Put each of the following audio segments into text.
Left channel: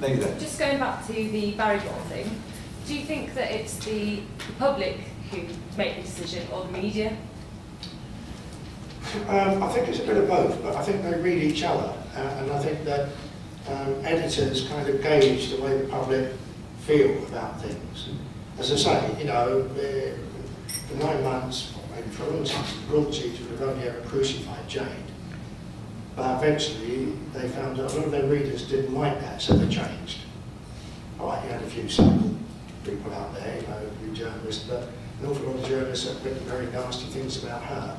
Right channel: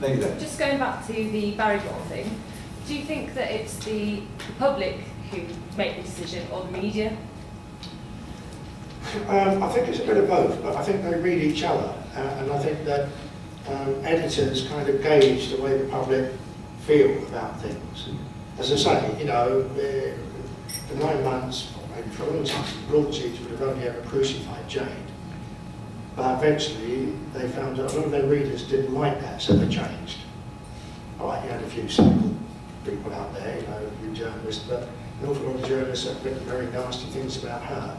Lady there. Just going back to the Barrymore thing, do you think that it's the public who make the decision or the media? I think it's a bit of both, but I think they read each other, and I think that editors kind of gauge the way the public feel about things. As I say, you know, for 9 months, or maybe for a long time, Broadsheets would have only ever crucified Jade. But eventually, they found that a lot of their readers didn't like that, so they changed. All right, you had a few cynical people out there, you know, a few journalists, but an awful lot of journalists have written very nasty things about her.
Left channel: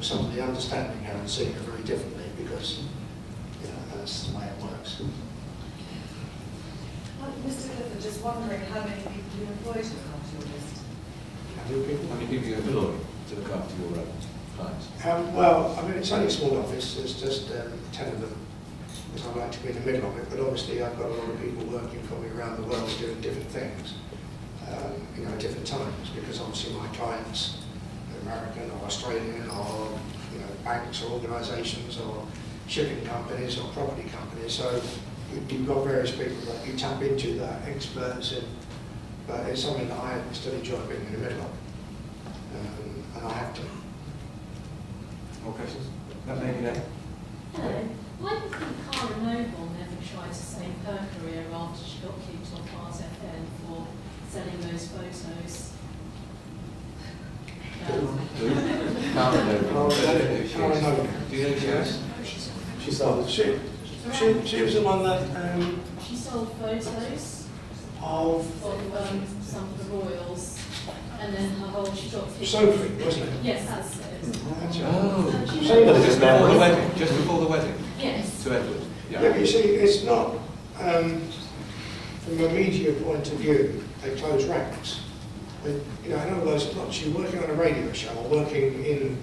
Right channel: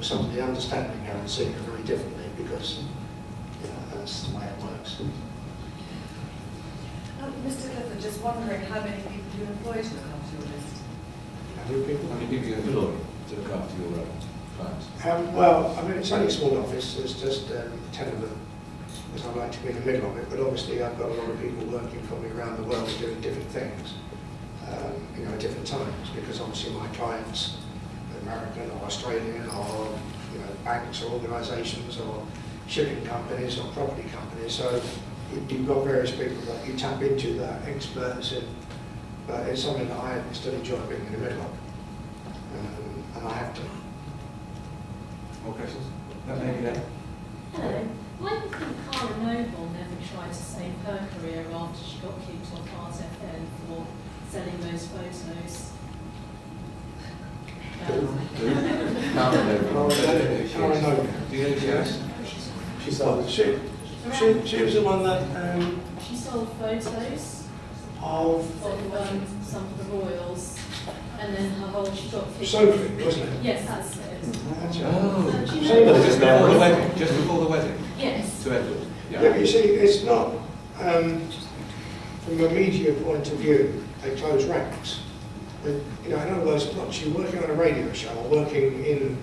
Somebody understanding her and seeing her very differently, because you know, that's the way it works. Mr. Clifford, just wondering how many people you employ to look after your list? How many people? How many people you employ to look after your clients? Well, I mean, it's only a small office, there's just 10 of them, because I like to be in the middle of it, but obviously I've got a lot of people working for me around the world doing different things, you know, at different times, because obviously my clients are American or Australian or, you know, banks or organisations or shipping companies or property companies, so you've got various people that you tap into that are experts in, but it's something that I still enjoy being in the middle of, and I have to. More questions? That lady there. Hello. Why do you think Cara Noble never tried to save her career after she got kicked off Art FM for selling those photos? Cara Noble. Do you know who she is? She sold. She was the one that She sold photos of of some of the royals, and then her whole she got kicked. Sophie, wasn't it? Yes, that's it. Oh, She just knows. before the wedding. Just before the wedding. Yes. To Edward. Yeah, but you see, it's not from a media point of view. They close ranks. But, you know, in other words, not she working on a radio show or working in.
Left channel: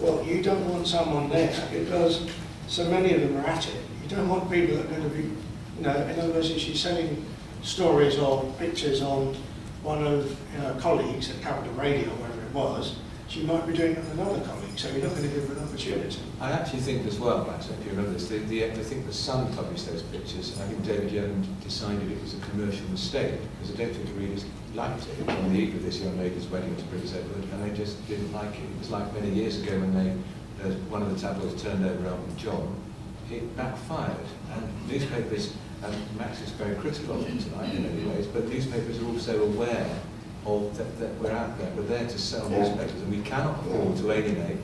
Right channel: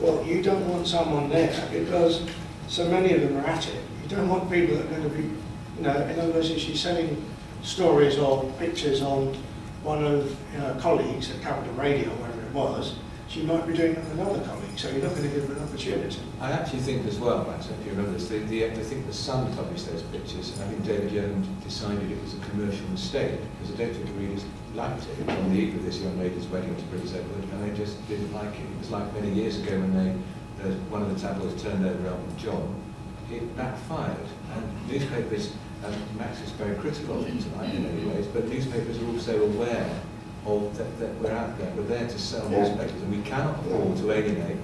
Well, you don't want someone there because so many of them are at it. You don't want people that are going to be, you know, in other words, if she's selling stories or pictures on one of her colleagues that covered the radio, wherever it was, she might be doing it with another colleague, so you're not going to give her an opportunity. I actually think as well, Max, if you remember this, I think the Sun published those pictures, and I think David Young decided it was a commercial mistake, because I don't think the readers liked it on the eve of this young lady's wedding to Prince Edward, and they just didn't like it. It was like many years ago when one of the tabloids turned over Elton John. It backfired, and newspapers, and Max is very critical of it tonight in many ways, but newspapers are also aware of that we're out there, we're there to sell newspapers, and we cannot afford to alienate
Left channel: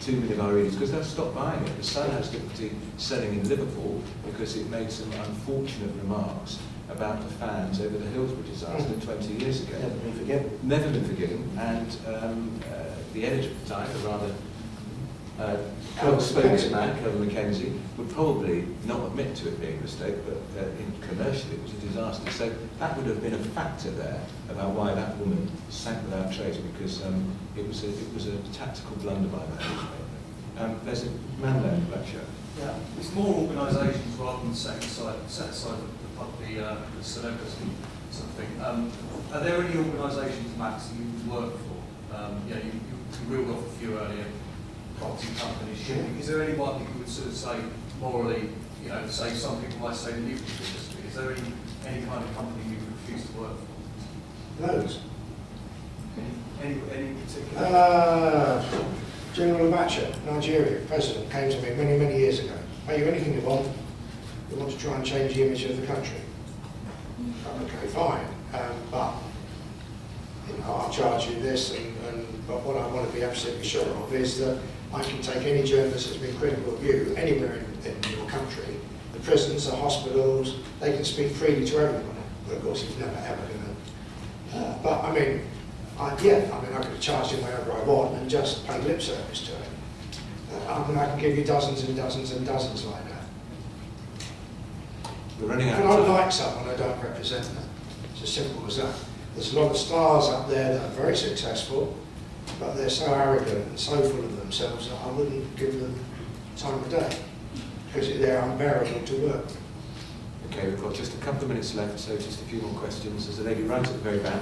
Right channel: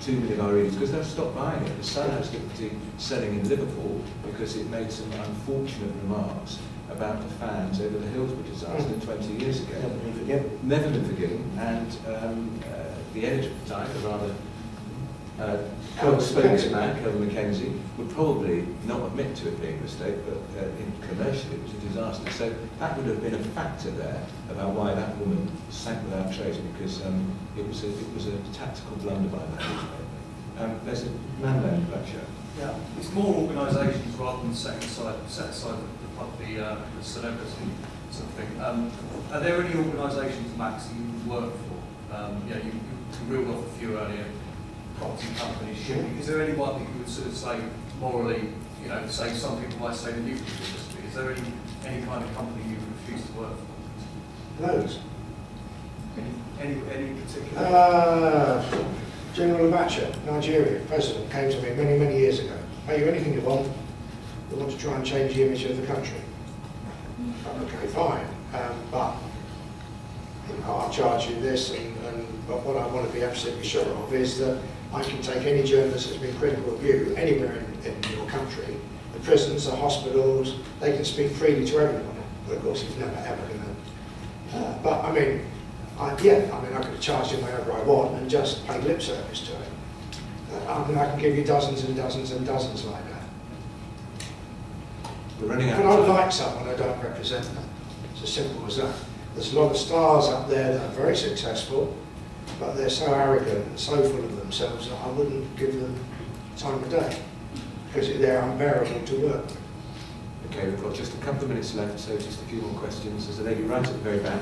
2 million of our readers because they'll stop buying it. The Sun has difficulty selling in Liverpool because it made some unfortunate remarks about the fans over the Hillsborough disaster 20 years ago. Never been forgiven. Never been forgiven, and the editor at the time, a rather spokesman, Kelvin Mackenzie, would probably not admit to it being a mistake, but commercially it was a disaster. So that would have been a factor there about why that woman sank without trace, because it was a tactical blunder by that newspaper. There's a man there in the black shirt. Yeah, it's more organisations rather than set aside the celebrity sort of thing. Are there any organisations, Max, you work for? You reeled off a few earlier. Property companies, shipping. Is there anyone that you would sort of say morally, you know, say some people might say the nuclear industry? Is there any kind of company you refuse to work for? Loads. Any particular? General Abacha, Nigeria, president, came to me many, many years ago. Are you anything you want? You want to try and change the image of the country? Okay, fine. But you know, I'll charge you this, but what I want to be absolutely sure of is that I can take any journalist that's been critical of you anywhere in your country, the prisons, the hospitals, they can speak freely to everyone. But of course, he's never ever going to. But I mean, I could have charged him wherever I want and just paid lip service to him. I mean, I can give you dozens and dozens and dozens like that. We're running out If of I time. like someone, I don't represent them. It's as simple as that. There's a lot of stars up there that are very successful, but they're so arrogant and so full of themselves that I wouldn't give them time of day, because they're unbearable to work with. Okay, we've got just a couple of minutes left, so just a few more questions. There's a lady right at the very back.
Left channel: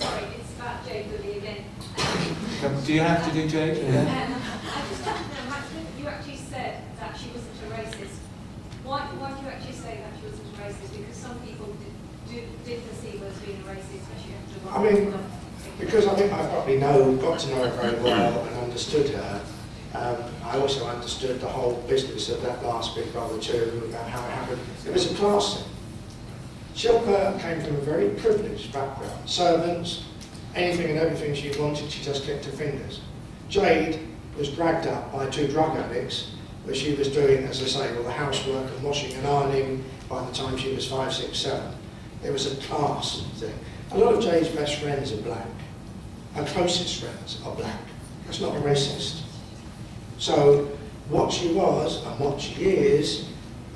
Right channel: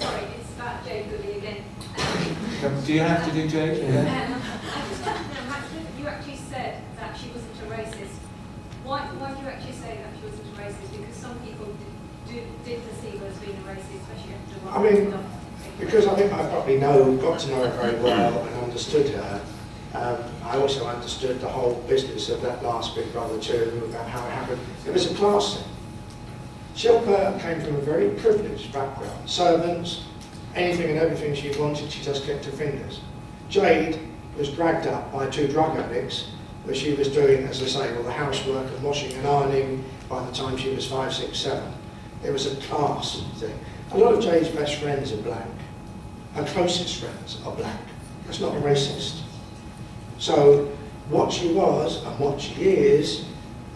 Sorry, it's about Jade Goodley again. Do you have to do Jade? I just have to know, you actually said that she wasn't a racist. Why do you actually say that she wasn't a racist? because some people did perceive her as being a racist, especially after what I mean, she'd done. because I think I probably got to know her very well and understood her. I also understood the whole business of that last Big Brother 2, about how it happened. It was a class thing. Shilpa came from a very privileged background. Servants, anything and everything she wanted, she just kept her fingers. Jade was dragged up by 2 drug addicts, where she was doing, as I say, all the housework and washing and ironing by the time she was 5, 6, 7. It was a class thing. A lot of Jade's best friends are black. Her closest friends are black. That's not a racist. So what she was and what she is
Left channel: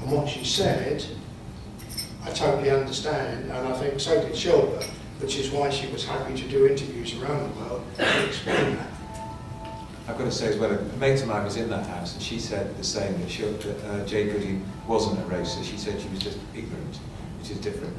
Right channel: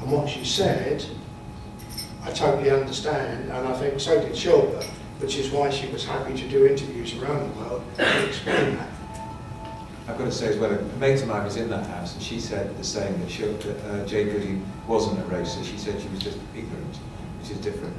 and what she said, I totally understand, and I think so did Shilpa, which is why she was happy to do interviews around the world and explain that. I've got to say as well, a mate of mine was in that house and she said the same, that Jade Goody wasn't a racist. She said she was just ignorant, which is different.